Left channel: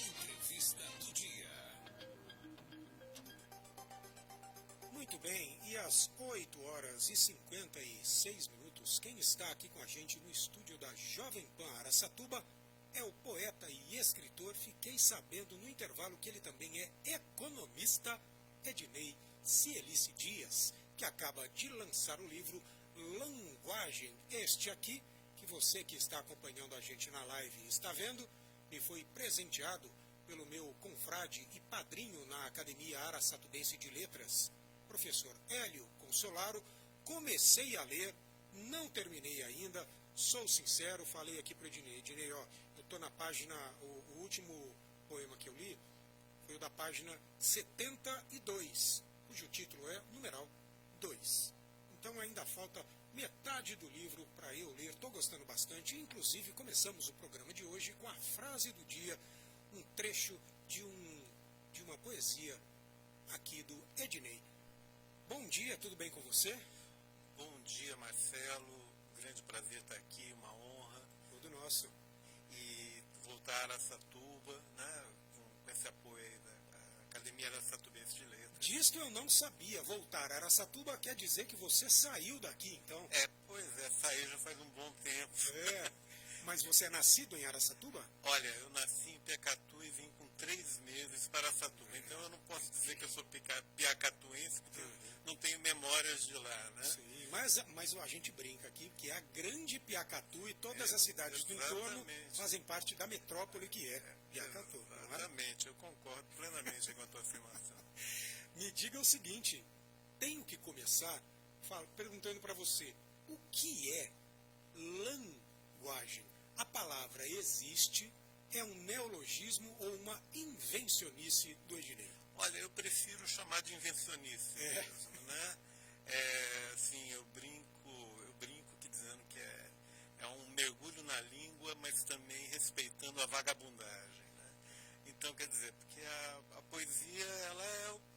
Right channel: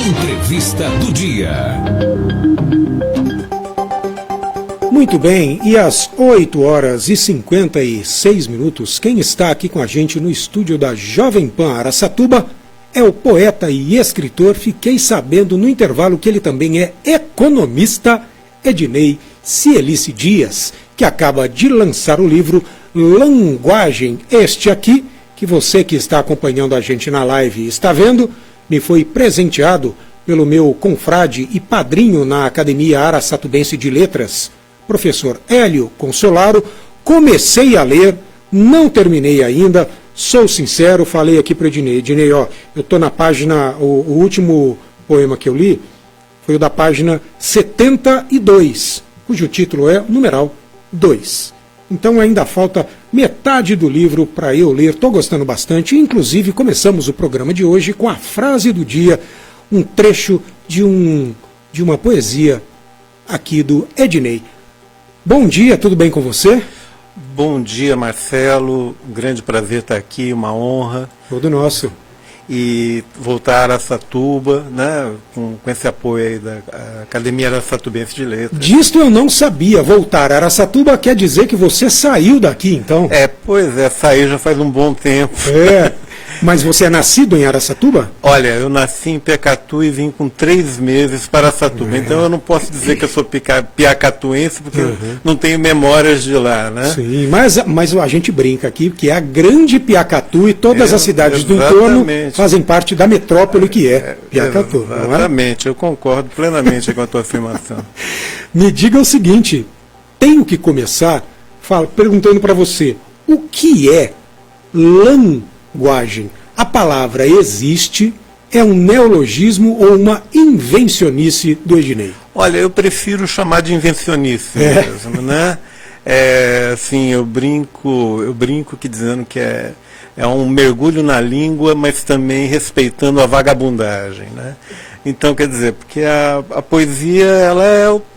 Entrevista do dia. Muito bem, e às 8h56, quem está aqui com a gente no estúdio da Jovem Pan Araçatuba é o poeta e escritor, fiquei sabendo no intervalo que ele também é economista, Ednei Cielice Dias, que acaba de lançar o livro Languagem, este aqui, que você que está acompanhando a gente na live está vendo, me foi presenteado pelo meu confrade e padrinho na Academia Araçatubense de Letras, professor Hélio Consolaro. Comecei a ler, não terminei ainda, sou sincero, falei aqui para o Ednei. Ednei, ó, eu estou na página, o último poema que eu li foi o da página 72, cujo título é numeral 2. Então ainda falta metade do livro para eu ler, estou gostando bastante. Inclusive começamos o programa de hoje com a frase do dia, um trecho de uma poesia aqui do Ednei. Bom dia, tudo bem com você? Bom dia, Marcelo, um grande prazer estar aqui, uma honra. Todo nosso. E voltar a Araçatuba, né, com esse apoio aí da Academia Araçatubense de Letras. Disto eu não sabia, voltar a Araçatuba quer dizer que você saiu daqui, então? Pois é, saí já faz um bom tempo. Mas você é nascido em Araçatuba? Olha, eu nasci em Piacatu e vim com 3 meses para Araçatuba. Então eu não posso dizer que eu sou piacatuense, porque não tenho memórias de lá, né? Sim, mas a gente brinca aqui que é a grande Piacatu e todas as cidades do entorno fazem parte da metrópole que é Piacatu. Exatamente, eu concordo plenamente com a tua afirmação. Me diga o seguinte, tenho que começar perguntando para você, o que é languagem? A palavra existe, é um neologismo ou uma invencionice do Ednei? Olha, eu prefiro chamar de invencionice mesmo, né? Assim, eu brinco que dizendo que é um mergulho na língua, mas também respeitando a vagabundagem, né? Então, quer dizer, porque a poesia,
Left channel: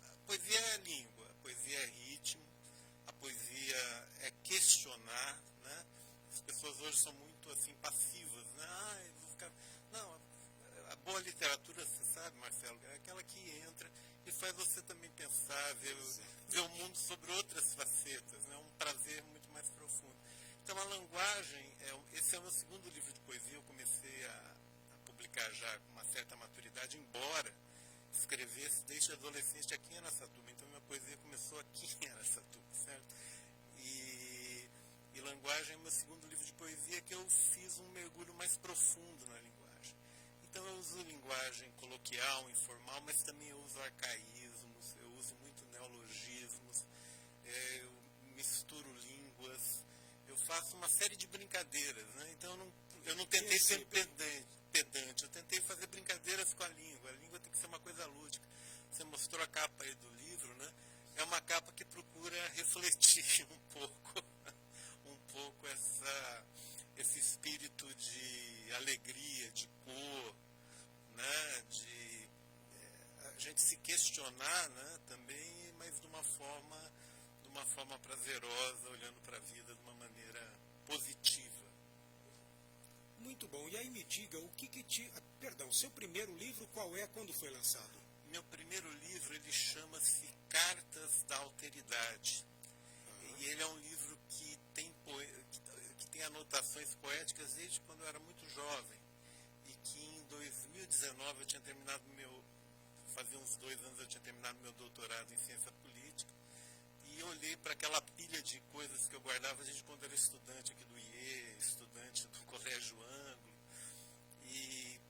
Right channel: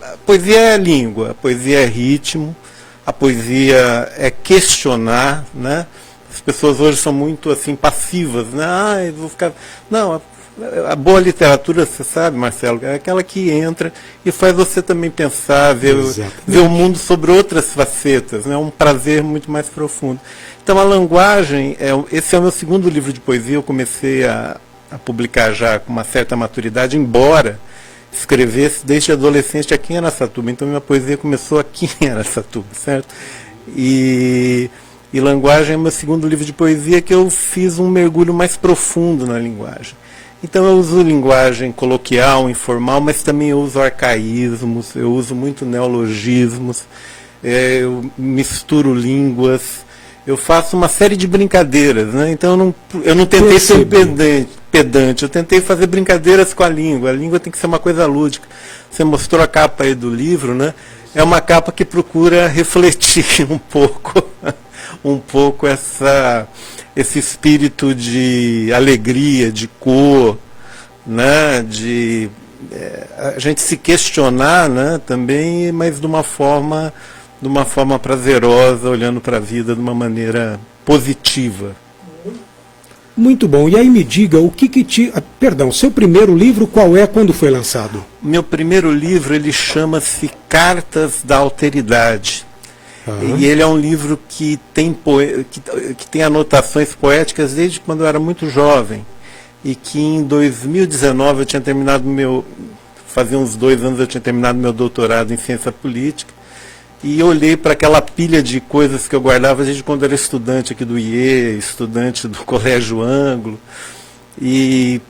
a poesia é língua, a poesia é ritmo, a poesia é questionar, né? As pessoas hoje são muito assim passivas, né? Eu vou ficar... Não, a boa literatura, você sabe, Marcelo, é aquela que entra e faz você também pensar, ver o mundo sobre outras facetas, né? Um prazer muito mais profundo. Então a languagem, esse é o meu segundo livro de poesia, eu comecei a publicar já com uma certa maturidade, embora escrevesse desde adolescente aqui em Araçatuba. Então minha poesia começou aqui em Araçatuba, certo? E Languagem é meu segundo livro de poesia, que eu fiz um mergulho mais profundo na linguagem. Então eu uso linguagem coloquial, informal, mas também eu uso arcaísmos, eu uso muito neologismos, eu misturo línguas, eu faço uma série de brincadeiras, né? Então eu não tentei ser pedante, eu tentei fazer brincadeiras com a língua tem que ser uma coisa lúdica. Você mostrou a capa aí do livro, né? É uma capa que procura refletir um pouco esse espírito de alegria, de cor, né? De a gente se questionar, né? Também, mas de uma forma prazerosa, olhando para a vida de uma maneira positiva. Muito bom. E aí me diga, seu primeiro livro qual é, quando foi lançado? Meu primeiro livro, ele chama-se Cartas da Alteridade. E ele é um livro que tem anotações poéticas desde quando eu era muito jovem. E que em 2019 eu tinha terminado fazia uns 2 anos eu tinha terminado meu doutorado em ciência política. E olhei para aquela pilha de coisas que eu guardava desde quando eu era estudante aqui do IE, estudante do Colégio Anglo. E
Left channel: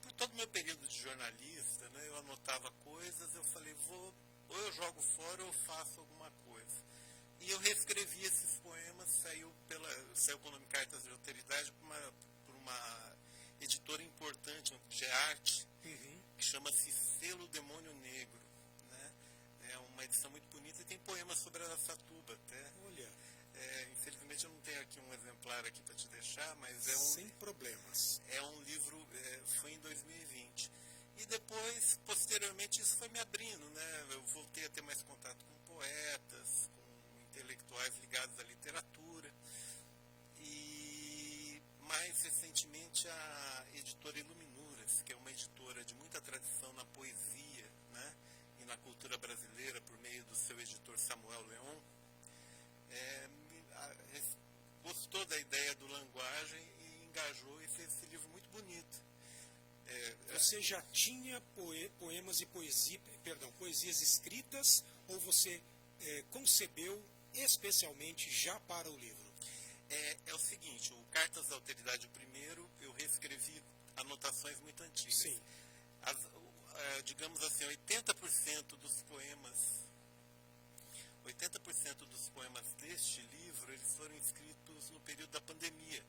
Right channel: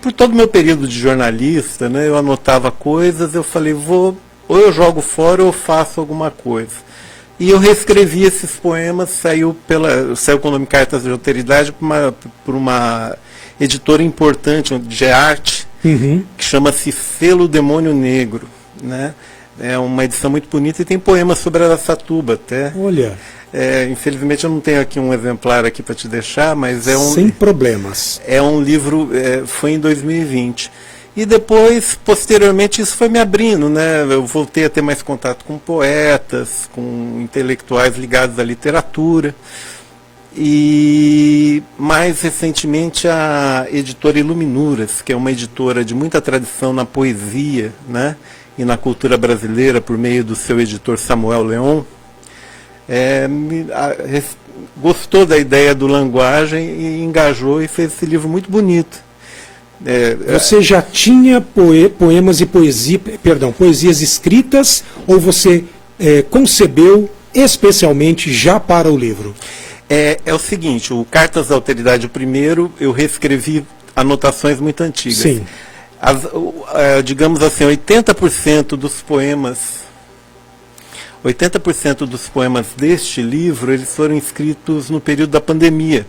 por todo o meu período de jornalista, né, eu anotava coisas, eu falei, ou eu jogo fora ou eu faço alguma coisa. E eu reescrevi esses poemas, saiu com o nome Cartas de Alteridade por uma editora importante de arte, que chama-se Selo Demônio Negro, né? É uma edição muito bonita e tem poemas sobre Araçatuba até. Olha. Infelizmente eu não tenho aqui um exemplar aqui para te deixar, mas sem problemas. É um livro, foi em 2020. E depois, posteriormente, isso foi me abrindo, né? Eu voltei a ter mais contato com poetas, com intelectuais ligados à literatura. E mais recentemente a editora Iluminuras, que é uma editora de muita tradição na poesia, né, e na cultura brasileira, por meio do seu editor Samuel Leon, gostou da ideia do Linguagem e engajou e fez esse livro muito bonito. Você já tinha poemas e poesias escritas, ou você concebeu especialmente já para o livro? É o seguinte, o Cartas da Alteridade, o primeiro, eu reescrevi anotações muito antigas. Sim. Digamos assim, 80% dos poemas deste livro, eles foram escritos no período da pandemia.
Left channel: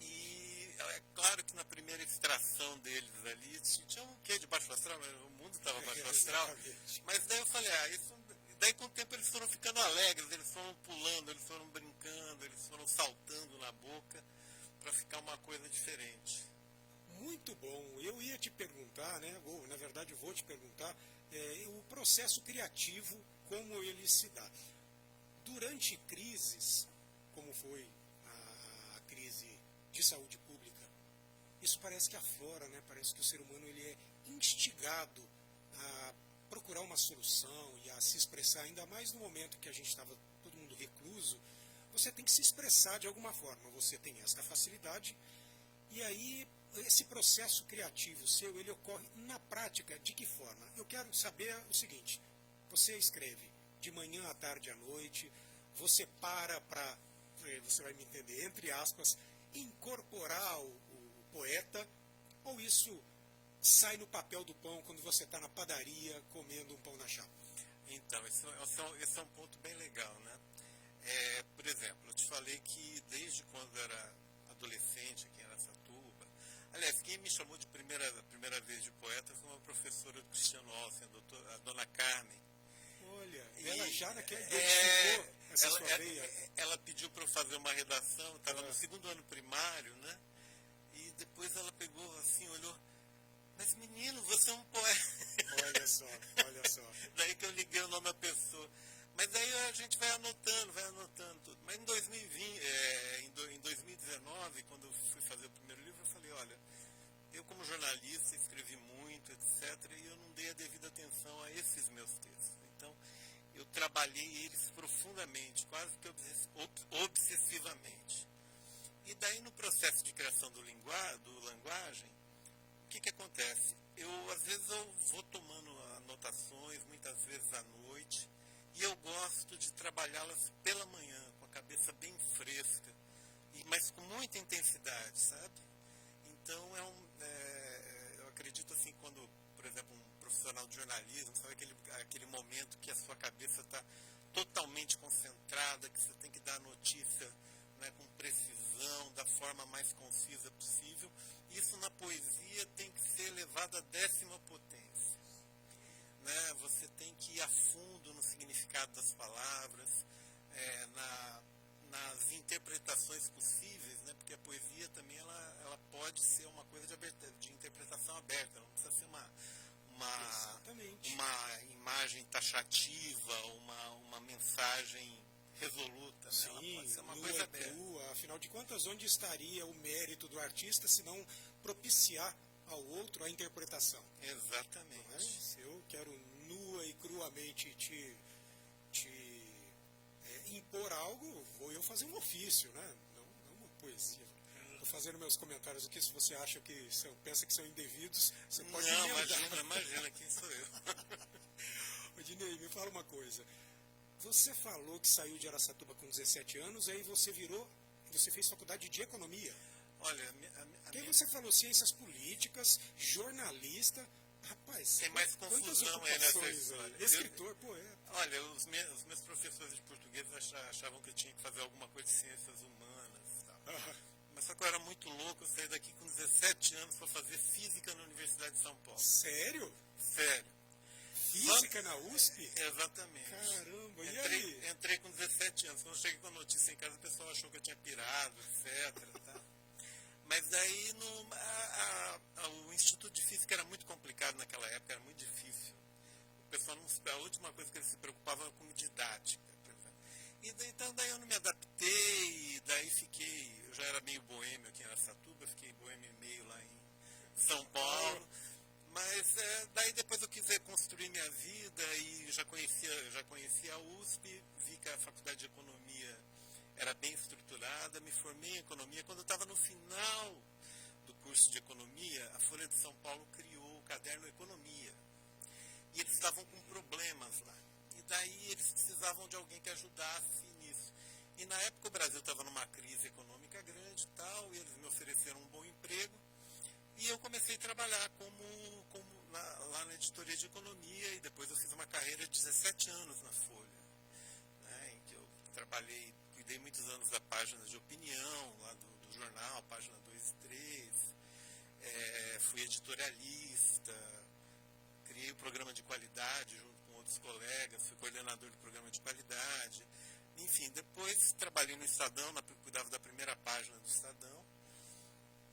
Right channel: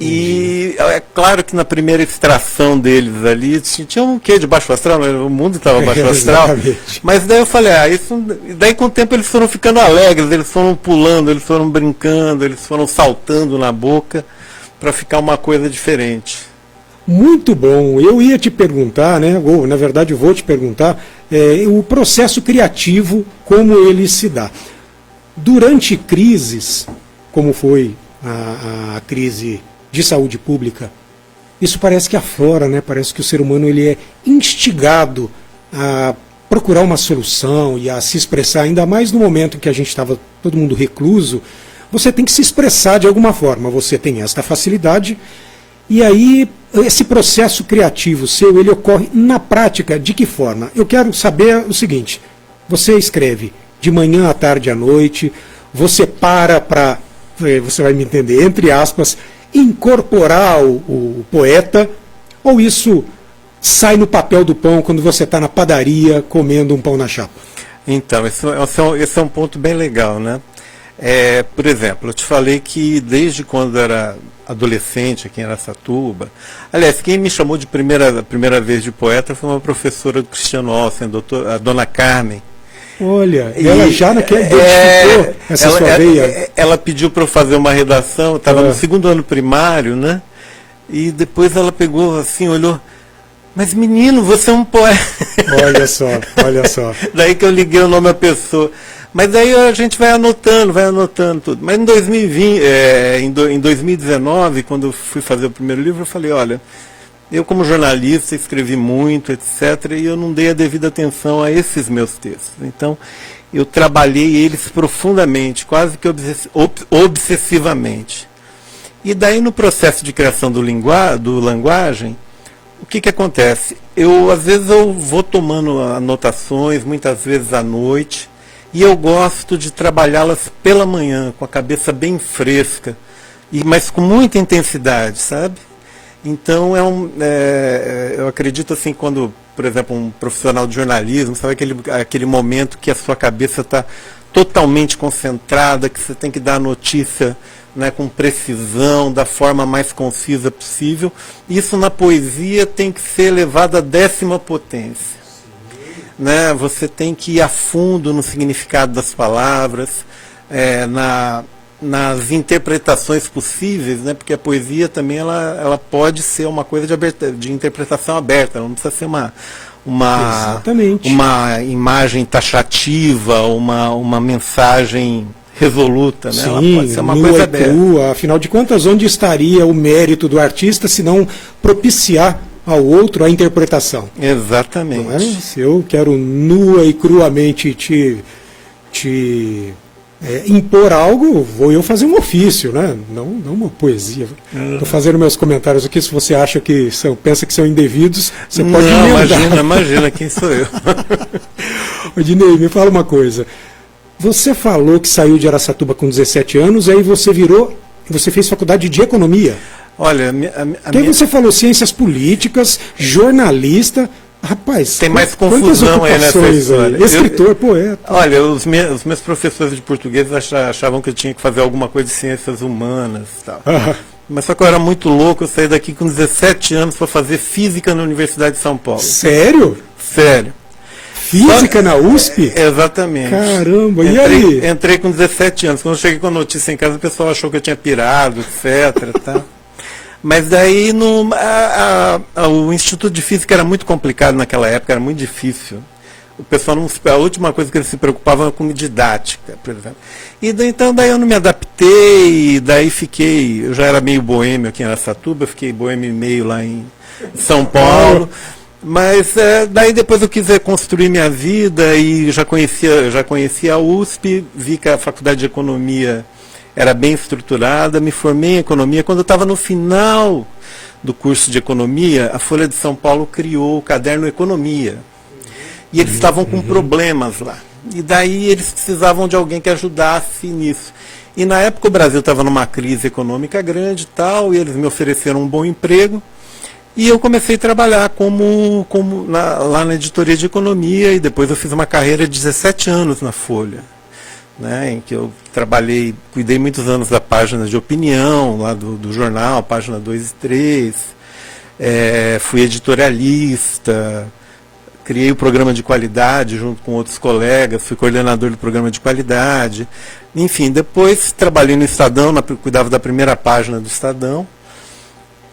E é claro que na primeira extração deles ali, tinha um quê de baixo astral, né? O mundo estava baixo astral. Mas daí eu falei, daí com o tempo eles foram ficando alegres, eles foram pulando, eles foram brincando, eles foram saltando na boca para ficar uma coisa diferente. Muito bom. Eu ia te perguntar, né? Ou, na verdade, eu vou te perguntar o processo criativo, como ele se dá. Durante crises, como foi a crise de saúde pública, isso parece que aflora, né? Parece que o ser humano ele é instigado a procurar uma solução e a se expressar, ainda mais no momento em que a gente estava todo mundo recluso. Você tem que se expressar de alguma forma, você tem esta facilidade. E aí, esse processo criativo seu, ele ocorre na prática de que forma? Eu quero saber o seguinte, você escreve de manhã à tarde à noite, você para, você vai me entender, entre aspas, incorporar o poeta, ou isso sai no papel do pão quando você está na padaria comendo um pão na chapa? Então, esse é um ponto bem legal, né? Por exemplo, eu te falei que desde quando era adolescente aqui em Araçatuba, aliás, quem me chamou de primeira vez de poeta foi uma professora do Cristiano Olsen, a dona Carmen. Olha, ela já identificou essa sua veia. Ela pediu para eu fazer uma redação, eu estava no segundo ano primário, né? E depois ela pegou assim, olhou, mas menino, você é um poeta. Olha só, olha só. Daí que eu liguei o nome à pessoa. Mas aí a gente vai anotando tudo. Mas em 2019, quando eu fui fazer o primeiro livro, eu falei, olha, eu como jornalista escrevi muito, etc., e eu não dei a devida atenção a esses meus textos. Então, eu trabalhei eles profundamente, quase que obsessivamente. E daí, no processo de criação do Linguagem, o que acontece? Às vezes eu vou tomando anotações, muitas vezes à noite, e eu gosto de trabalhá-las pela manhã, com a cabeça bem fresca, mas com muita intensidade, sabe? Então, eu acredito assim, quando, por exemplo, um profissional de jornalismo, sabe aquele momento que a sua cabeça está totalmente concentrada, que você tem que dar a notícia, né, com precisão, da forma mais concisa possível. Isso na poesia tem que ser elevado à 10ª potência. Né? Você tem que ir a fundo no significado das palavras, nas interpretações possíveis, né? Porque a poesia também ela pode ser uma coisa de interpretação aberta, ela não precisa ser uma imagem taxativa, uma mensagem resoluta, né? Sim, ela pode ser uma coisa aberta. Crua. Afinal de contas, onde estaria o mérito do artista se não propiciar ao outro a interpretação? Exatamente. Não é? Se eu quero nua e cruamente te impor algo, vou eu fazer um ofício, né? Não uma poesia. Estou fazendo meus comentários aqui, se você acha que pensa que são indevidos, você pode emendar. Imagina, quem sou eu? Odinei, me fala uma coisa. Você falou que saiu de Araçatuba com 17 anos, aí você fez faculdade de economia. Olha, você falou ciências políticas, jornalista. Rapaz, tem mais confusão aí nessa história. Escritor, poeta. Olha, os meus professores de português achavam que eu tinha que fazer alguma coisa de ciências humanas e tal. Mas só que eu era muito louco, eu saí daqui com 17 anos para fazer física na Universidade de São Paulo. Sério? Sério. Física na USP? Exatamente. Caramba, e aí? Entrei com 17 anos. Quando eu cheguei com a notícia em casa, o pessoal achou que eu tinha pirado, etc. Tá? Mas daí o Instituto de Física era muito complicado naquela época, era muito difícil. o pessoal não, a última coisa que eles se preocupavam era com didática, por exemplo. E então daí eu não me adaptei, e daí eu já era meio boêmio aqui em Araçatuba, fiquei boêmio e meio lá em São Paulo, mas daí depois eu quis construir minha vida e já conhecia a USP, vi que a Faculdade de Economia era bem estruturada, me formei em Economia. Quando eu estava no final do curso de Economia, a Folha de São Paulo criou o caderno Economia. E eles estavam com problemas lá. E daí eles precisavam de alguém que ajudasse nisso. E na época o Brasil estava numa crise econômica grande e tal, e eles me ofereceram um bom emprego. E eu comecei a trabalhar lá na editoria de economia, e depois eu fiz uma carreira de 17 anos na Folha, né, em que eu cuidei muitos anos da página de opinião, lá do jornal, página 2 e 3, fui editorialista, criei o programa de qualidade junto com outros colegas, fui coordenador do programa de qualidade. Enfim, depois trabalhei no Estadão, cuidava da primeira página do Estadão.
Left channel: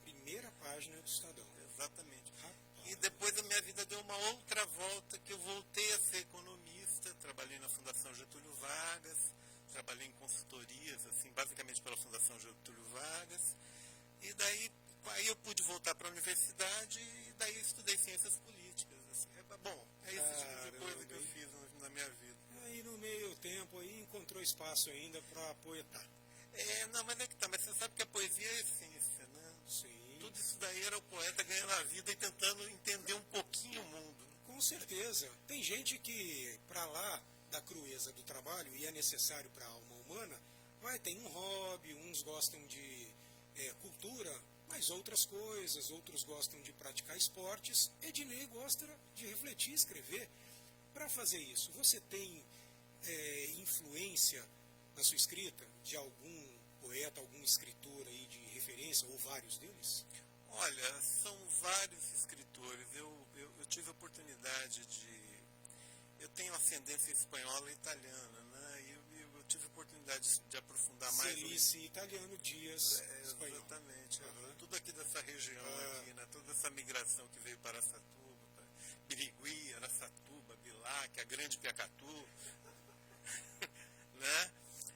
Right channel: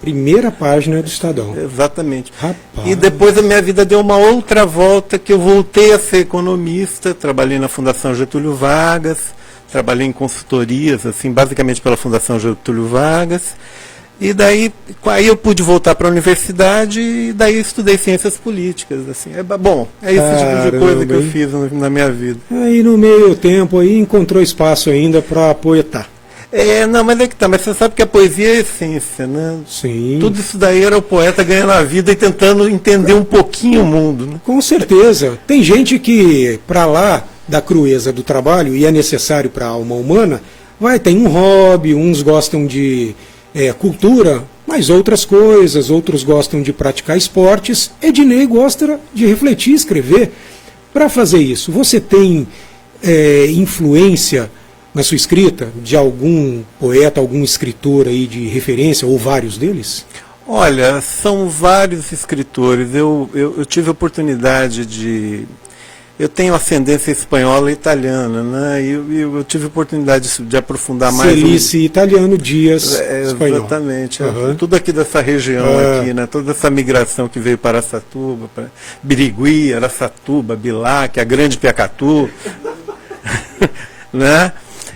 Primeira página do Estadão. Exatamente. Rapaz. E depois a minha vida deu uma outra volta, que eu voltei a ser economista, trabalhei na Fundação Getúlio Vargas, trabalhei em consultorias, assim, basicamente pela Fundação Getúlio Vargas. E daí aí eu pude voltar para a universidade e daí eu estudei ciências políticas. Assim. Bom, é esse tipo de coisa que eu fiz na minha vida. Aí no meio tempo aí encontrou espaço ainda para poetar. Não, mas é que tá, mas você sabe que a poesia é a essência, né? Sim. Tudo isso daí era o poeta ganhando a vida e tentando entender um pouquinho o mundo, né? Com certeza. Tem gente que, para lá da crueza do trabalho, e é necessário para a alma humana, tem um hobby, uns gostam de cultura, mas outras coisas, outros gostam de praticar esportes. Ednei gosta de refletir, escrever. Para fazer isso, você tem influência na sua escrita de algum poeta, algum escritor aí de referência, ou vários deles? Olha, são vários escritores. Eu tive a oportunidade eu tenho ascendência espanhola e italiana, né? E eu tive a oportunidade de aprofundar mais. Celice italiano, Dias espanhol. Exatamente. Uhum. Tudo aqui dessa região aqui, né? Toda essa migração que veio para Araçatuba, para Birigui, Araçatuba, Bilac, a Grande Piacatu, né?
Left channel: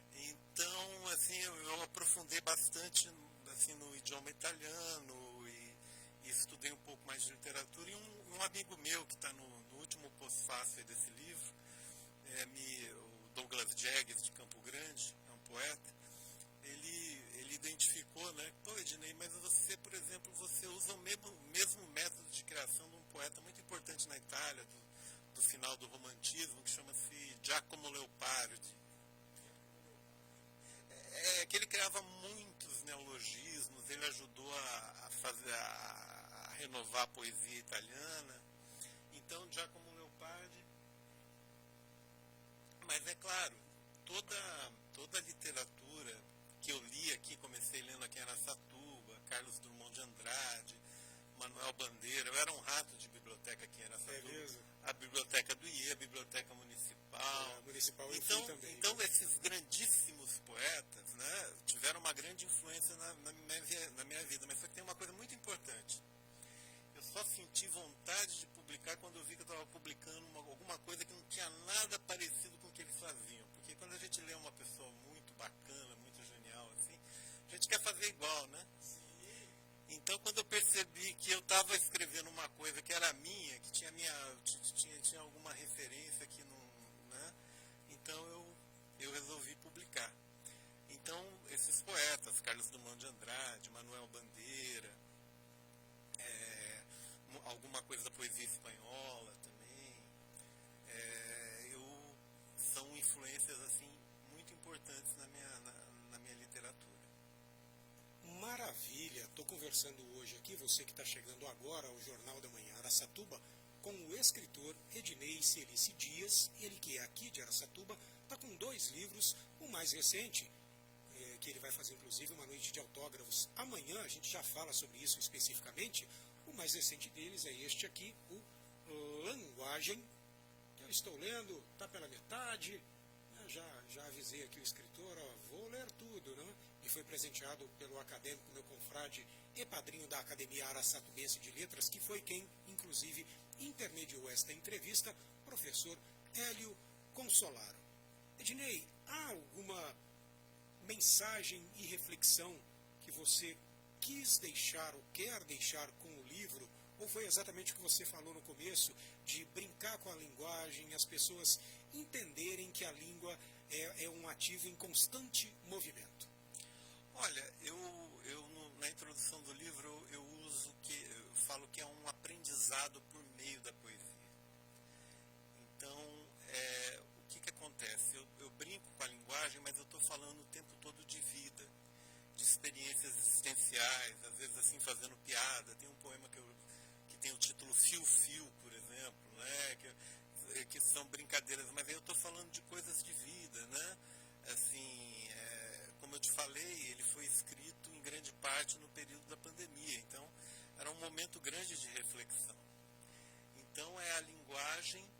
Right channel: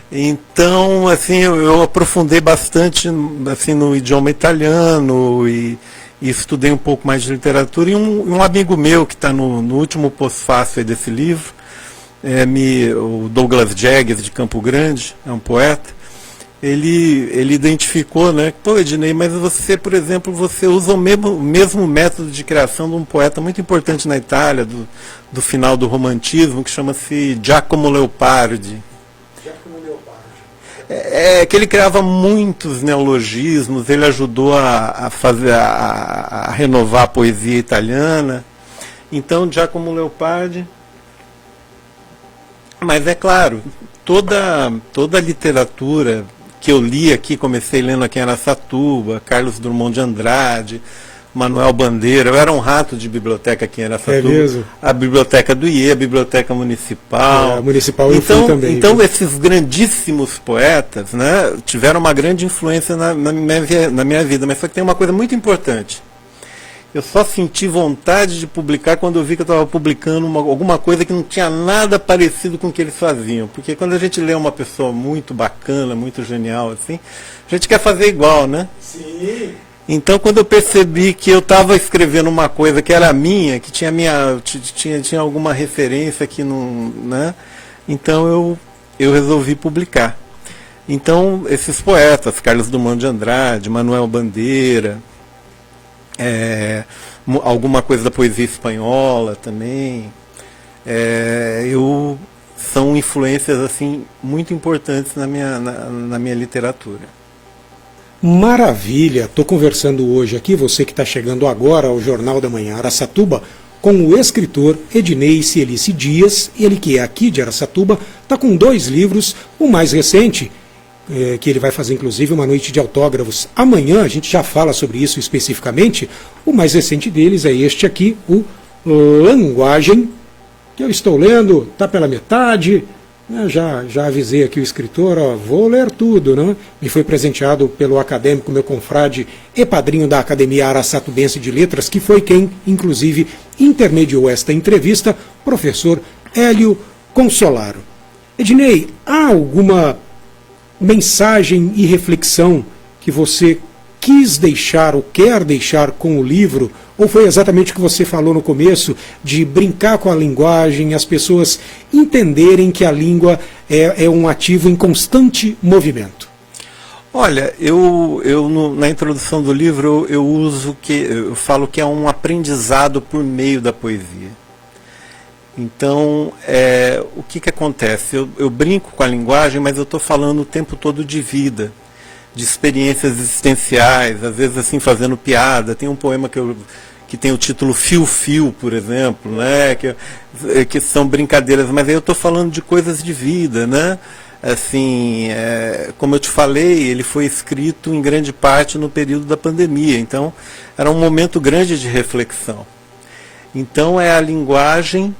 Então, assim, eu aprofundei bastante assim, no idioma italiano e estudei um pouco mais de literatura. E um amigo meu que está no último pós-fácil desse livro, o Douglas Jagues, de Campo Grande, é um poeta, ele identificou, né, pô, Ednei, mas você, por exemplo, você usa o mesmo método de criação de um poeta muito importante na Itália, do final do romantismo, que chama-se Giacomo Leopardi. Que ele criava muitos neologismos, ele ajudou a renovar a poesia italiana. Então, Giacomo Leopardi. Mas é claro, toda a literatura que eu li aqui, comecei lendo aqui em Araçatuba, Carlos Drummond de Andrade, Manuel Bandeira, eu era um rato de biblioteca aqui em Araçatuba, a biblioteca do IE, a biblioteca municipal. Municipal eu fui também. Então esses grandíssimos poetas, né, tiveram uma grande influência na minha vida, mas só que tem uma coisa muito importante. Eu só senti vontade de publicar quando eu vi que eu estava publicando alguma coisa que não tinha nada parecido com o que eles faziam. Porque quando a gente lê uma pessoa muito bacana, muito genial, assim, a gente quer fazer igual, né? Sim. Então, quando eu percebi que eu estava escrevendo uma coisa que era minha, que tinha alguma referência que não, né? Então eu resolvi publicar. Então, esses poetas, Carlos Drummond de Andrade, Manuel Bandeira, alguma coisa da poesia espanhola também, são influências assim muito importantes na minha literatura. Maravilha! Estou conversando hoje aqui, você que está chegando agora ao Jornal da Manhã Araçatuba, com o escritor Ednei Celice Dias, ele que é aqui de Araçatuba, está com 2 livros, o mais recente, que ele vai fazer inclusive uma noite de autógrafos amanhã, a gente já fala sobre isso especificamente. O mais recente deles é este aqui, o Languagem, que eu estou lendo, está pela metade, Eu já avisei aqui o escritor, ó, vou ler tudo, né? Me foi presenteado pelo acadêmico, meu confrade e padrinho da Academia Araçatubense de Letras, que foi quem, inclusive, intermediou esta entrevista, professor Hélio Consolaro. Ednei, há alguma mensagem e reflexão que você quis deixar ou quer deixar com o livro, ou foi exatamente o que você falou no começo, de brincar com a linguagem, as pessoas entenderem que a língua é um ativo em constante movimento? Olha, na introdução do livro eu falo que é um aprendizado por meio da poesia. Então, o que acontece? Eu brinco com a linguagem, mas eu estou falando o tempo todo de vida, de experiências existenciais, às vezes assim fazendo piada. Tem um poema que tem o título Fio Fio, por exemplo, né? que são brincadeiras, mas aí eu estou falando de coisas de vida, né? Assim, como eu te falei, ele foi escrito em grande parte no período da pandemia, então era um momento grande de reflexão. Então é a linguagem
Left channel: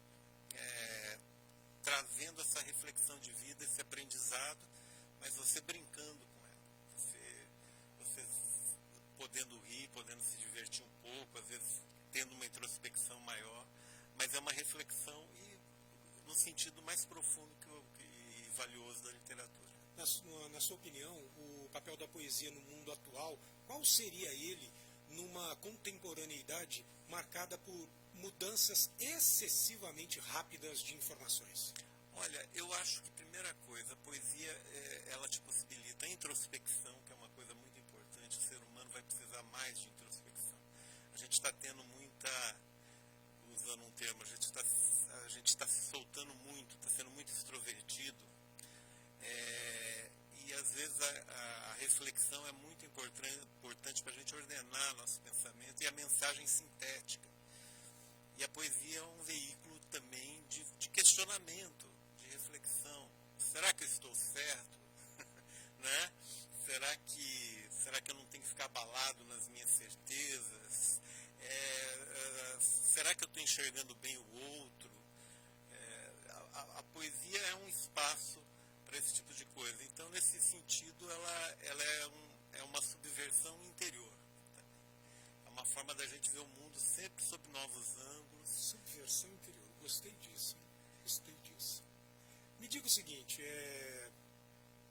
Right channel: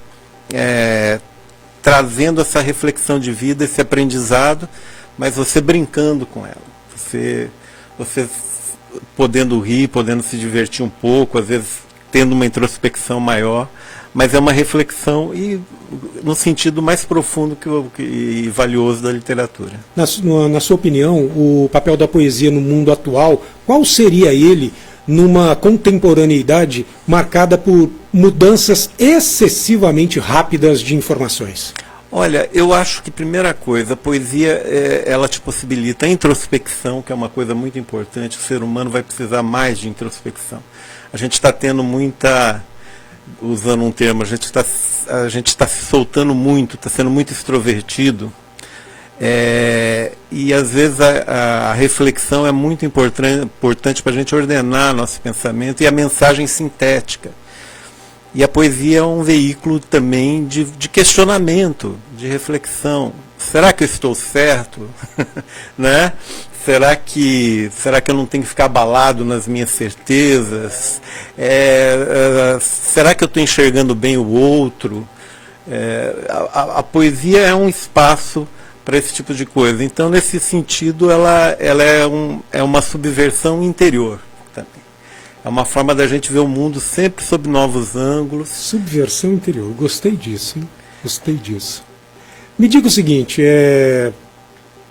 trazendo essa reflexão de vida, esse aprendizado, mas você brincando com ela. Você podendo rir, podendo se divertir um pouco, às vezes tendo uma introspecção maior, mas é uma reflexão no sentido mais profundo e valioso da literatura. Na sua opinião, o papel da poesia no mundo atual, qual seria ele numa contemporaneidade marcada por mudanças excessivamente rápidas de informações? Olha, eu acho que, primeira coisa, a poesia ela te possibilita a introspecção, que é uma coisa muito importante. O ser humano vai precisar mais de introspecção. A gente está tendo muita, usando um termo, a gente está se soltando muito, está sendo muito extrovertido. E às vezes a reflexão é muito importante para a gente ordenar nosso pensamento e a mensagem sintética. E a poesia é um veículo também de questionamento, de reflexão. Será que eu estou certo? Né? Será que eu não tenho que ficar abalado nas minhas certezas? Será que eu estou enxergando bem o outro? A poesia é um espaço para esse tipo de coisa. Então, nesse sentido, ela é uma subversão interior. É uma forma da gente ver o mundo sempre sob novos ângulos. Subversão interior. Gostei disso, hein? Gostei disso. Me diga o seguinte,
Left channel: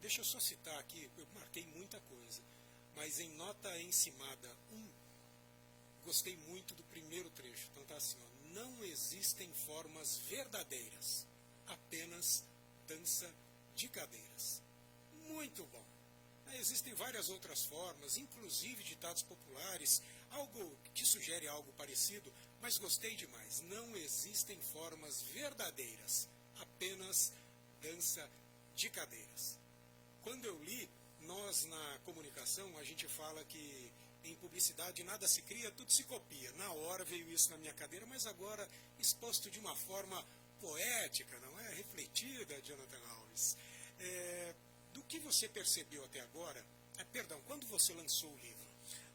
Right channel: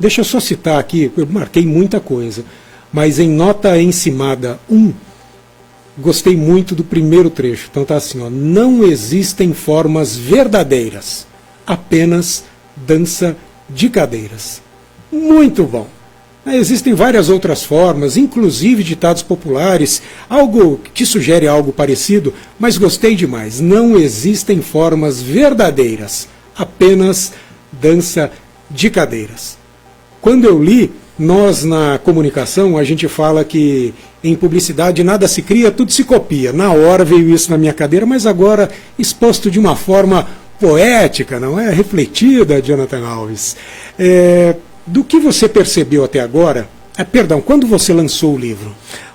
deixa eu só citar aqui, eu marquei muita coisa, mas em nota encimada 1, gostei muito do primeiro trecho. Então tá assim, ó, não existem formas verdadeiras, apenas dança de cadeiras. Muito bom. Existem várias outras formas, inclusive ditados populares, algo que sugere algo parecido, mas gostei demais. Não existem formas verdadeiras, apenas dança de cadeiras. Quando eu li, nós na comunicação, a gente fala que em publicidade nada se cria, tudo se copia. Na hora veio isso na minha cadeira, mas agora exposto de uma forma poética, não é? Refletida, Jonathan Alves. Do que você percebeu até agora, quando você lançou o livro?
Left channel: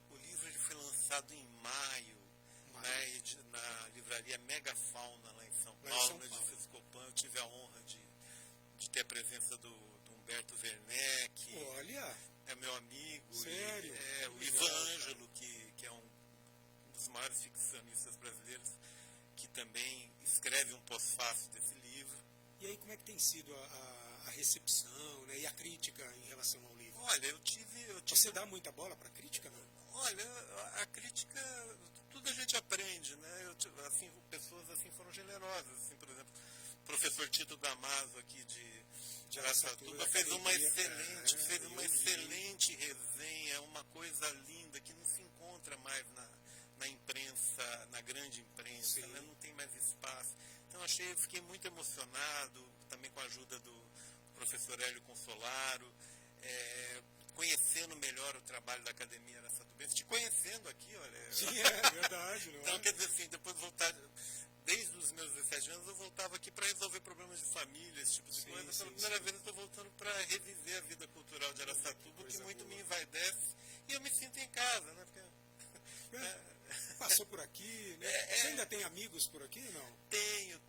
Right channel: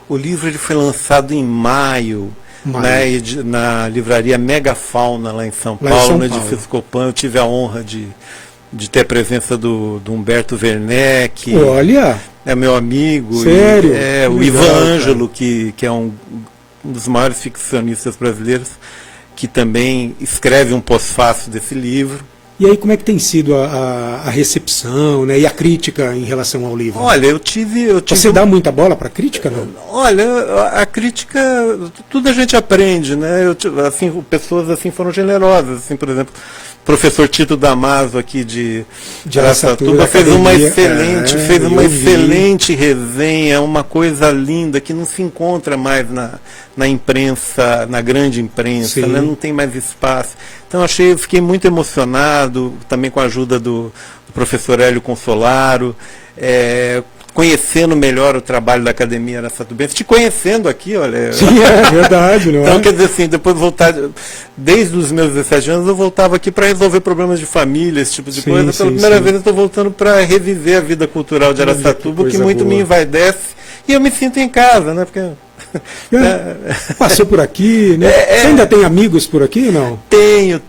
O livro ele foi lançado em maio. Né, na livraria Megafauna, lá em São Paulo, no edifício Copan. Eu tive a honra de ter a presença do Humberto Werneck. Olha! É meu amigo. Sério? O Ivan Ângelo, que é um dos maiores ficcionistas brasileiros, que também escreve um pós-fácil desse livro. E aí, como é que tem sido a recepção, né, e a crítica em relação ao livro? Olha, eu tive... Você dá muita bola para a crítica, não? Olha, a crítica, tudo a gente aprende, né? Pessoas assim foram generosas, assim, por exemplo, o professor Tito Damaso aqui de Araçatuba fez uma excelente resenha, uma coisa linda que não se encontra mais na imprensa, na grande imprensa, né? Não tem mais espaço. Então fiquei muito emocionado, também com a ajuda do professor Hélio Consolaro, conhecendo melhor o trabalho da Academia Araçatubense, te conhecendo aqui, olha. Sim, é verdade, não é? Então, quer dizer assim, depois de voltar, desde os meus 17 anos, eu voltava aqui para resolver problemas de família, esse tipo de coisa. Pela primeira vez eu estou voltando para reviver a vida cultural de Araçatuba, que muito me envaidece, e eu me sinto em casa, né? Porque Passou por aqui, né? Você ainda tem amigos por aqui, não? Tenho.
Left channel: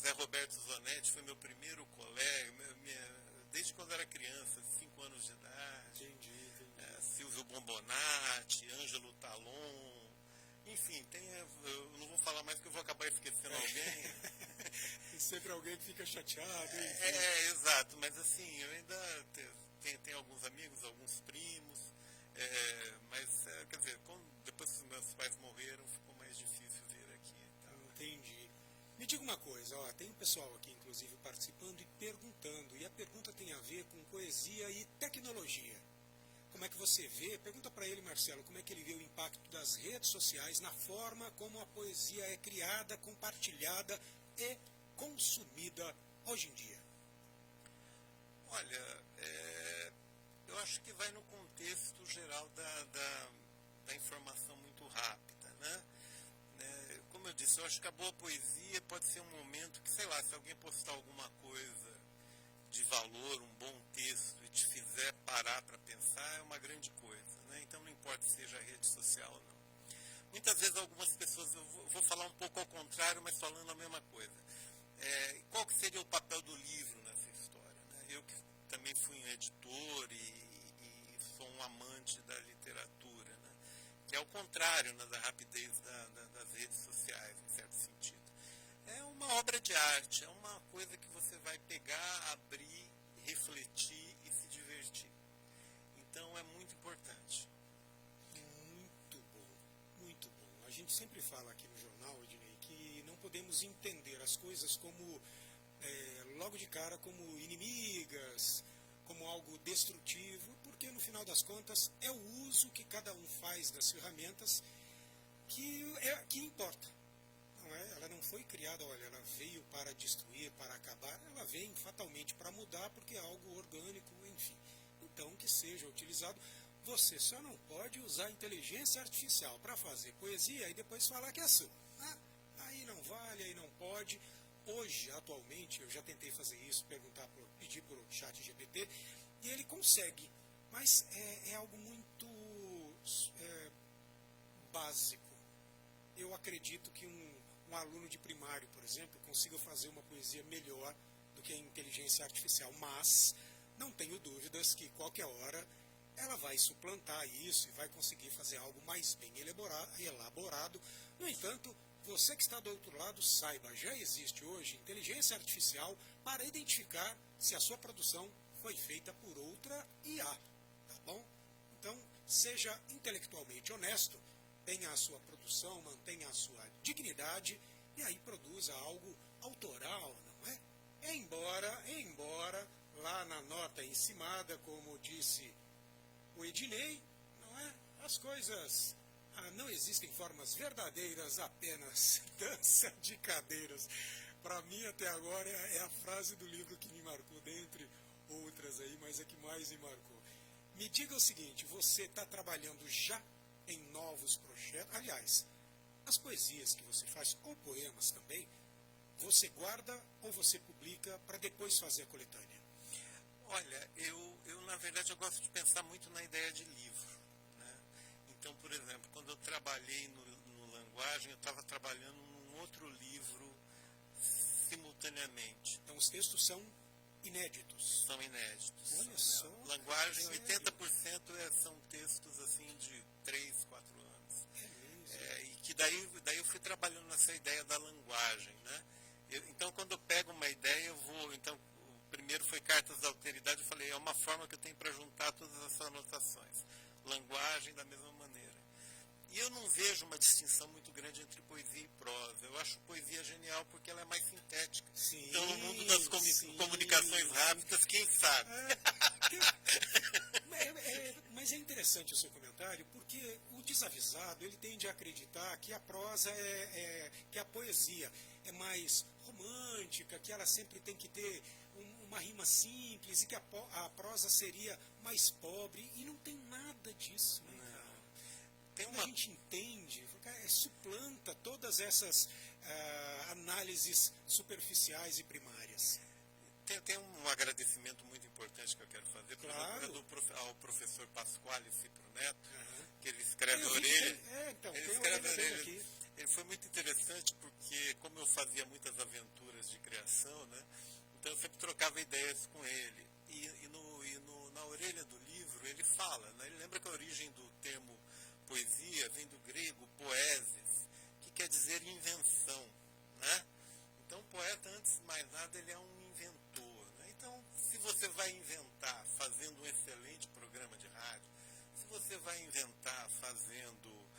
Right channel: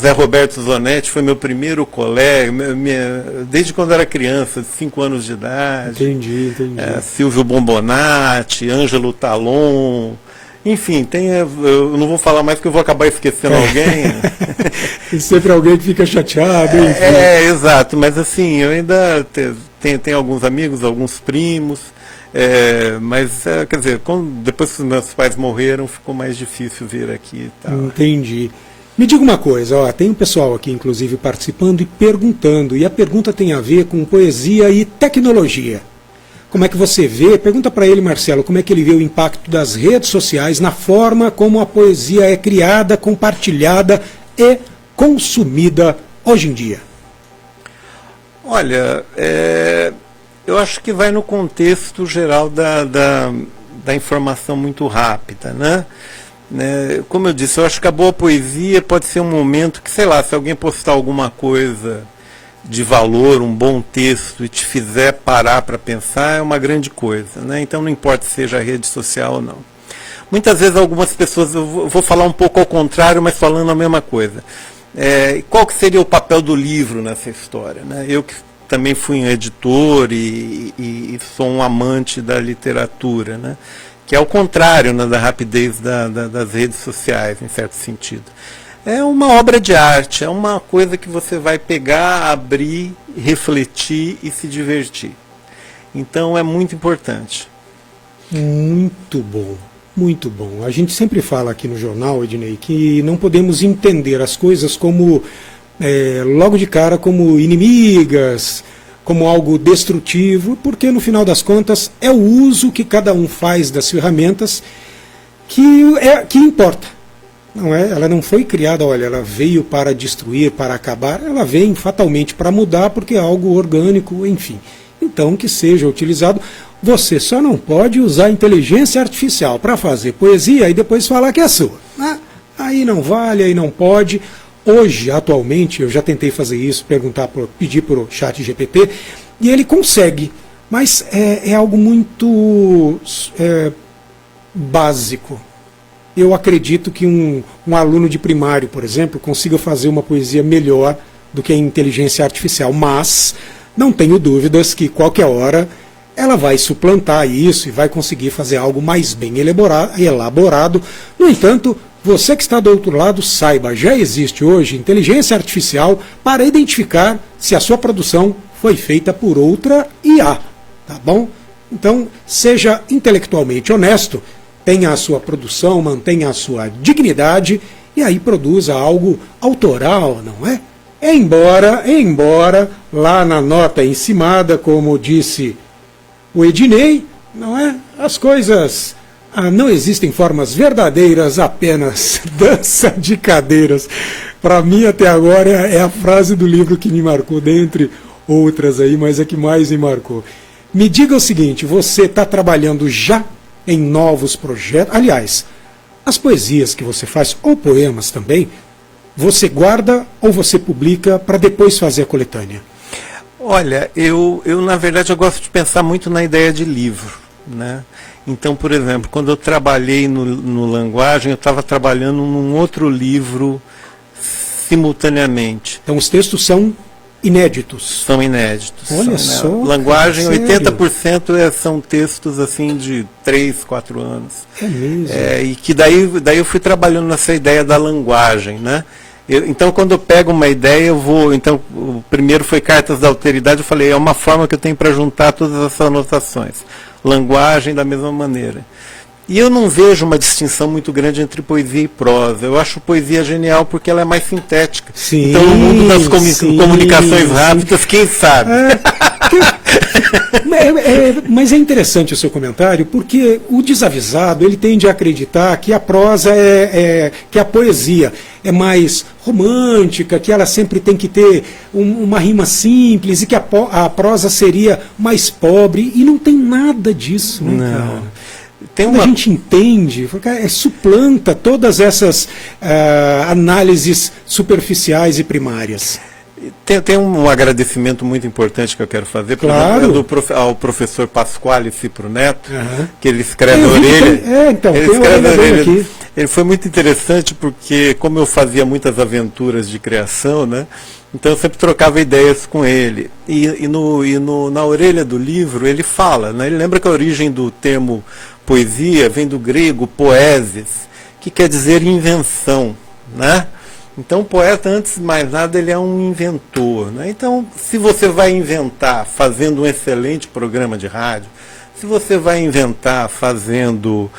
Zé Roberto Zonetti foi meu primeiro colega, desde quando era criança, de 5 anos de idade. Entendi. Silvio Bombonati, Ângelo Talon. Enfim, eu não vou falar mais porque eu vou acabar esquecendo alguém. Tem sempre alguém que fica chateado. Exato, mas assim, eu ainda tenho alguns amigos, alguns primos, mas, quer dizer, depois que os meus pais morreram, ficou mais difícil vir aqui e tal. Entendi. Me diga uma coisa, ó, tem um pessoal aqui, inclusive, participando e perguntando, e a pergunta tem a ver com poesia e tecnologia. Como é que você vê, pergunta para ele, Marcelo, como é que ele vê o impacto das redes sociais na forma como a poesia é criada, compartilhada e consumida hoje em dia? Olha, eu acho que vai no contexto geral da informação muito rápida, né? Como eu disse, eu acho que a boa poesia pode ser um momento que, sei lá, se alguém postar alguma coisa de valor, um bom texto, e te fizer parar para pensar, é uma grande coisa, né? Então não importa se seja rede social ou não. Muitas vezes algumas pessoas, eu vou falar um pouco ao contrário, mas falando a mesma coisa. Qual que seria o papel do livro nessa história, né? Eu que também fui um editor e sou um amante da literatura, né? Que é o contrário, né, da rapidez das redes sociais, em certo sentido. É uma obra de arte, é uma coisa que você vai pegar, abrir, refletir e se divertir. Então é muito importante. Muito bom, muito bom. A gente sempre fala aqui no jornal, Ednei, que não podemos entender as coisas como, logo de cara, como inimigas, como algo destrutivo, porque no final das contas é o uso que cada um faz das ferramentas que importa. Não é? Ela não foi criada, olha, ela veio para destruir, para acabar, ela vem fatalmente para mudar, porque é algo orgânico, enfim. Então, que seja utilizado. Você só não pode usar inteligência artificial para fazer poesia e depois falar que é sua. Aí não vale, aí não pode. Hoje, atualmente, eu já tentei fazer isso, pedir para o chat GPT, e ele consegue, mas é algo muito básico. Eu acredito que um aluno de primário, por exemplo, consiga fazer uma poesia melhor do que a inteligência artificial, mas não tenho dúvidas que qualquer hora ela vai suplantar isso e vai conseguir fazer algo mais bem elaborado. No entanto, você que está do outro lado, saiba, já existe hoje inteligência artificial para identificar se a sua produção foi feita por outra IA, tá bom? Então, seja intelectualmente honesto, tenha a sua produção, mantenha a sua dignidade e aí produza algo autoral, não é? Embora lá na nota encimada, como disse o Ednei, não é? As coisas, não existem formas verdadeiras, apenas dança de cadeiras. Para mim, até agora, é a frase do livro que me marcou, dentre outras aí, mas é que mais me marcou. Me diga o seguinte, você está trabalhando já em novos projetos? Aliás, as poesias que você faz, ou poemas também, você guarda ou você publica para depois fazer a coletânea? Olha, eu na verdade eu gosto de pensar muito na ideia de livro, né? Então, por exemplo, quando eu trabalhei no Languagem, eu estava trabalhando num outro livro simultaneamente. Então os textos são inéditos. São inéditos. Olha só. Languagem, sério? 80% são textos assim de 3, 4 anos. É mesmo. E que daí eu fui trabalhando nessa ideia da languagem, né? Então, quando eu pego uma ideia, eu vou... Então, o primeiro foi Cartas da Alteridade, eu falei, é uma forma que eu tenho para juntar todas essas anotações. Languagem, da mesma maneira. E eu não vejo uma distinção muito grande entre poesia e prosa. Eu acho poesia genial porque ela é mais sintética. Sim, então, no mundo das comunicações rápidas, quem sabe? Mas é interessante o seu comentário, porque o desavisado ele tende a acreditar que a prosa que a poesia é mais romântica, que ela sempre tem que ter uma rima simples e que a prosa seria mais pobre, e não tem nada disso, né, cara? Quando a gente entende, suplanta todas essas análises superficiais e primárias. Tem um agradecimento muito importante que eu quero fazer, por Claro. exemplo, ao professor Pasquale Cipro Neto, Aham. que ele escreve a orelha. Então, Ele tem a escreve orelha a dele orelha. aqui. Ele foi muito interessante porque, como eu fazia muitas aventuras de criação, né? Então eu sempre trocava ideias com ele. Na orelha do livro ele fala, né? Ele lembra que a origem do termo poesia vem do grego poesis, que quer dizer invenção, né? Então o poeta, antes de mais nada, ele é um inventor, né? Então, se você vai inventar fazendo um excelente programa de rádio, se você vai inventar fazendo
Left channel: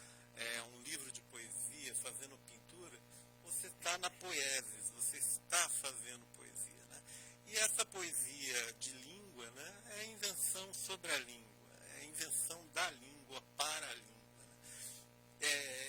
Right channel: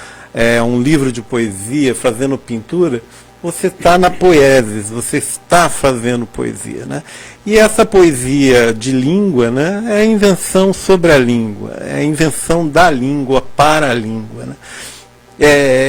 um livro de poesia, fazendo pintura, você está na poesis, você está fazendo poesia, né? E essa poesia de língua, né, é a invenção sobre a língua, é a invenção da língua para a língua, né?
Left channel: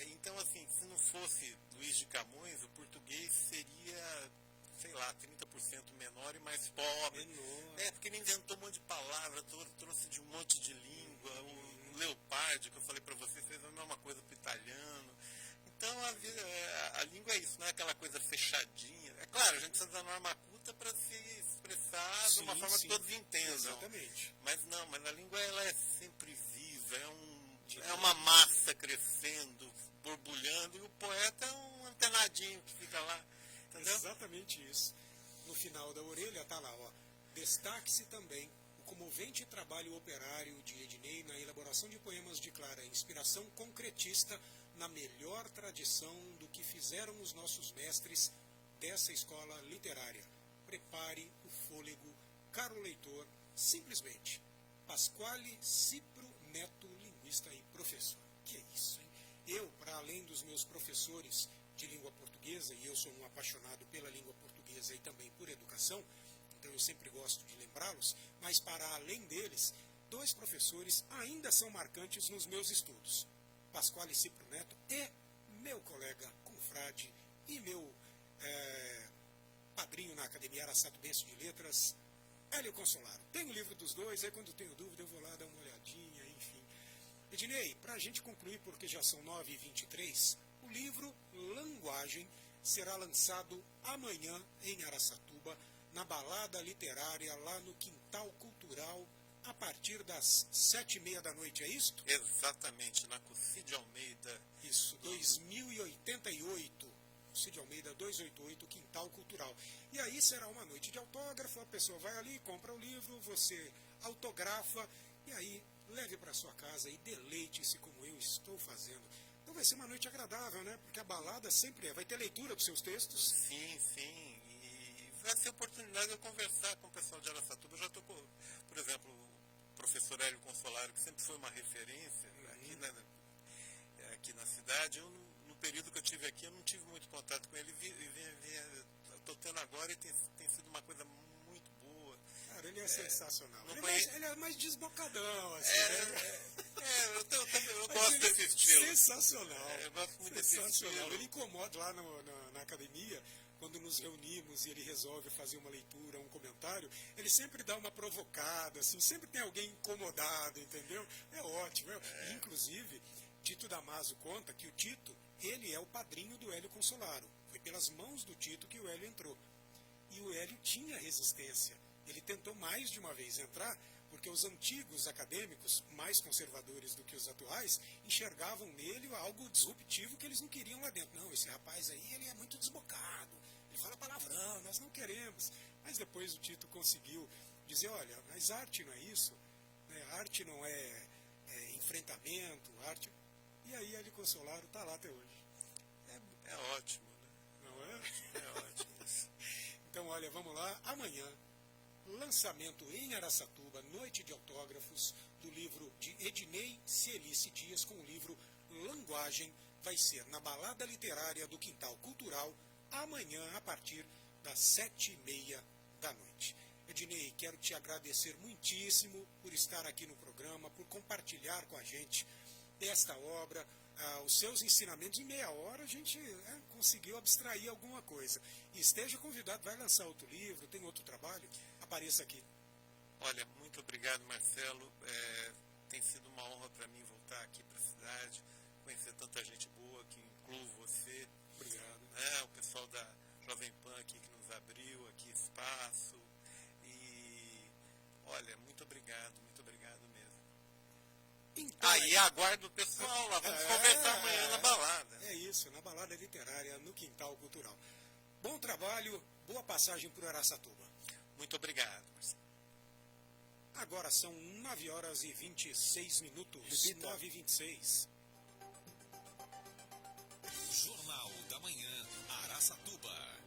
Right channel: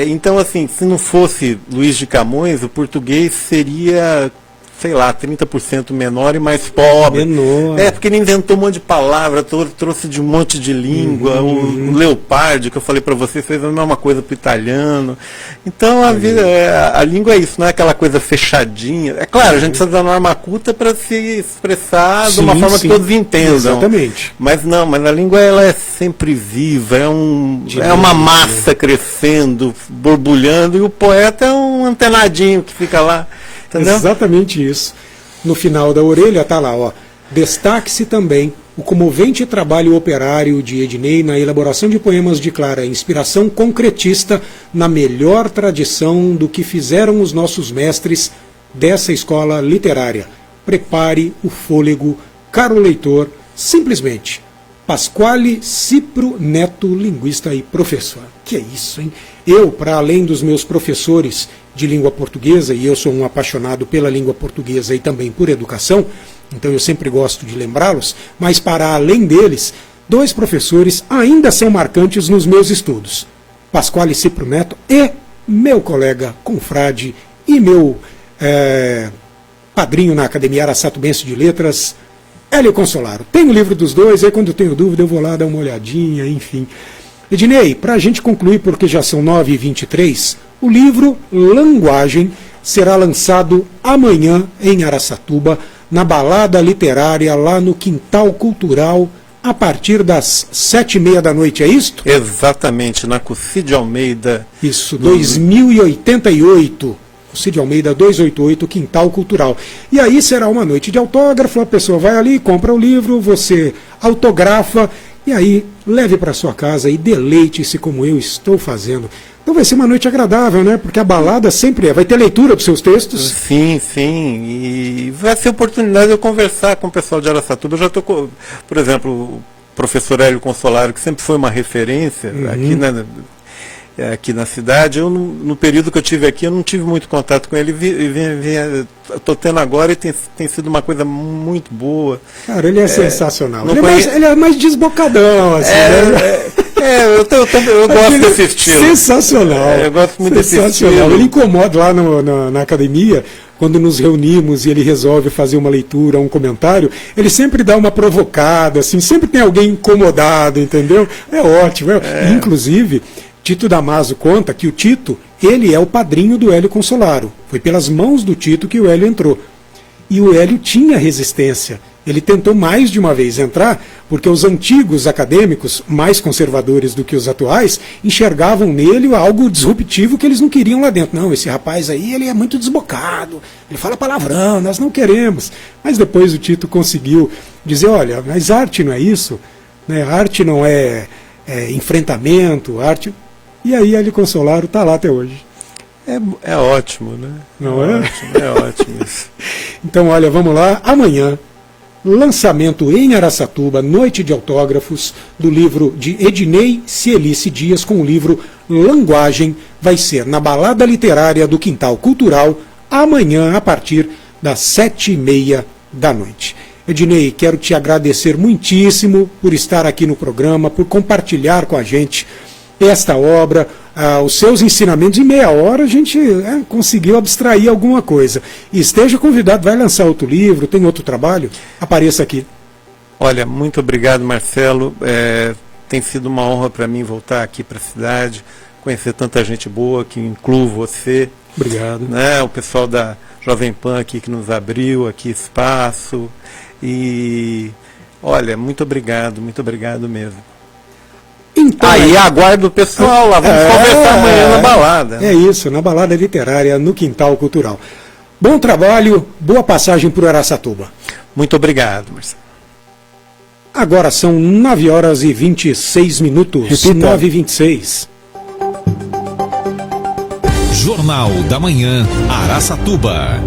Então, assim, se não fosse Luiz de Camões, o português seria, sei lá, 30% menor e mais pobre. Menor. Porque ele inventou um monte de palavras, trouxe de um monte de língua. O Leopardi, que eu falei para você, fez a mesma coisa para o italiano. Então, a língua é isso, não é aquela coisa fechadinha. É claro, a gente precisa da norma culta para se expressar de uma forma que todos entendam. Exatamente. Mas a língua ela é sempre viva, é uma massa crescendo, borbulhando, e o poeta é um antenadinho que fica lá. Entendeu? Exatamente isso. No final da orelha está lá, ó. Destaque-se também o comovente trabalho operário de Ednei na elaboração de poemas de clara inspiração concretista na melhor tradição do que fizeram os nossos mestres dessa escola literária. Prepare o fôlego, caro leitor, simplesmente. Pasquale Cipro Neto, linguista e professor. Que é isso, hein? Eu, para além dos meus professores de língua portuguesa, e eu sou um apaixonado pela língua portuguesa e também por educação, então eu sempre gosto de lembrá-los, mas para além deles, 2 professores ainda são marcantes nos meus estudos. Pasquale Cipro Neto e meu colega, confrade e meu padrinho na Academia Araçatubense de Letras, Hélio Consolaro. Tem o livro dos dois, aí quando eu tenho dúvida eu vou lá dar uma olhadinha, enfim. Ednei, para a gente concluir, porque já são 9h23, o livro Languagem será lançado amanhã em Araçatuba, na Balada Literária, lá no Quintal Cultural, a partir das 7h30 da noite, é isto? Exatamente, na Cid Almeida. Isso, 2088. Cid Almeida 288, Quintal Cultural. E aí será uma noite de autógrafo, a pessoa vai ali, compra o livro, você autografa, e aí leve para sua casa e deleite-se como eu estou fazendo. Então vai ser uma noite agradável, né? Porque a balada sempre vai ter leitura dos seus textos. Sim, e vai ser oportunidade de eu conversar com o pessoal de Araçatuba. Eu já estou com, por exemplo, o professor Hélio Consolaro, que sempre foi uma referência aqui na cidade. Eu, no período que eu tive aqui, eu não tive muito contato com ele. Estou tendo agora e tem sido uma coisa muito boa. Cara, ele é sensacional. Ele é mais desbocadão, assim, né? Eu gosto desse estilo. Sensacional. Eu gosto muito desse estilo. Ele incomoda lá na academia, quando nos reunimos e ele resolve fazer uma leitura, um comentário, ele sempre dá uma provocada, assim, sempre tem alguém incomodado, entendeu? É ótimo. Inclusive, Tito Damaso conta que o Tito, ele é o padrinho do Hélio Consolaro. Foi pelas mãos do Tito que o Hélio entrou. E o Hélio tinha resistência. Ele tentou mais de uma vez entrar, porque os antigos acadêmicos, mais conservadores do que os atuais, enxergavam nele algo disruptivo que eles não queriam lá dentro. Não, esse rapaz aí, ele é muito desbocado, ele fala palavrão, nós não queremos. Mas depois o Tito conseguiu dizer, olha, mas arte não é isso, né? Arte não é enfrentamento, arte... E aí Hélio Consolaro está lá até hoje. É ótimo, né? Não é? É ótimo isso. Então, olha, vamos lá, amanhã... Lançamento em Araçatuba, noite de autógrafos, do livro de Ednei Cielice Dias, com o livro Languagem, vai ser na Balada Literária do Quintal Cultural, amanhã, a partir das 7h30 da noite. Ednei, quero te agradecer muitíssimo por estar aqui no programa, por compartilhar com a gente esta obra, os seus ensinamentos. Em meia hora a gente conseguiu abstrair alguma coisa. E esteja convidado, vai lançar outro livro, tem outro trabalho, apareça aqui. Olha, muito obrigado, Marcelo. Tem sido uma honra para mim voltar aqui para a cidade, conhecer tanta gente boa, que incluo você. Obrigado. Né, o pessoal Jovem Pan aqui que nos abriu aqui espaço. E olha, muito obrigado mesmo. Então, Aí aguardo o pessoal lá, vamos conversar amanhã na balada. É isso, na balada literária, no Quintal Cultural. Bom trabalho, boa passagem por Araçatuba. Muito obrigado, Marcelo. Agora são 9 horas e 26 minutos. Repita. 9h26. Jornal da Manhã, Araçatuba.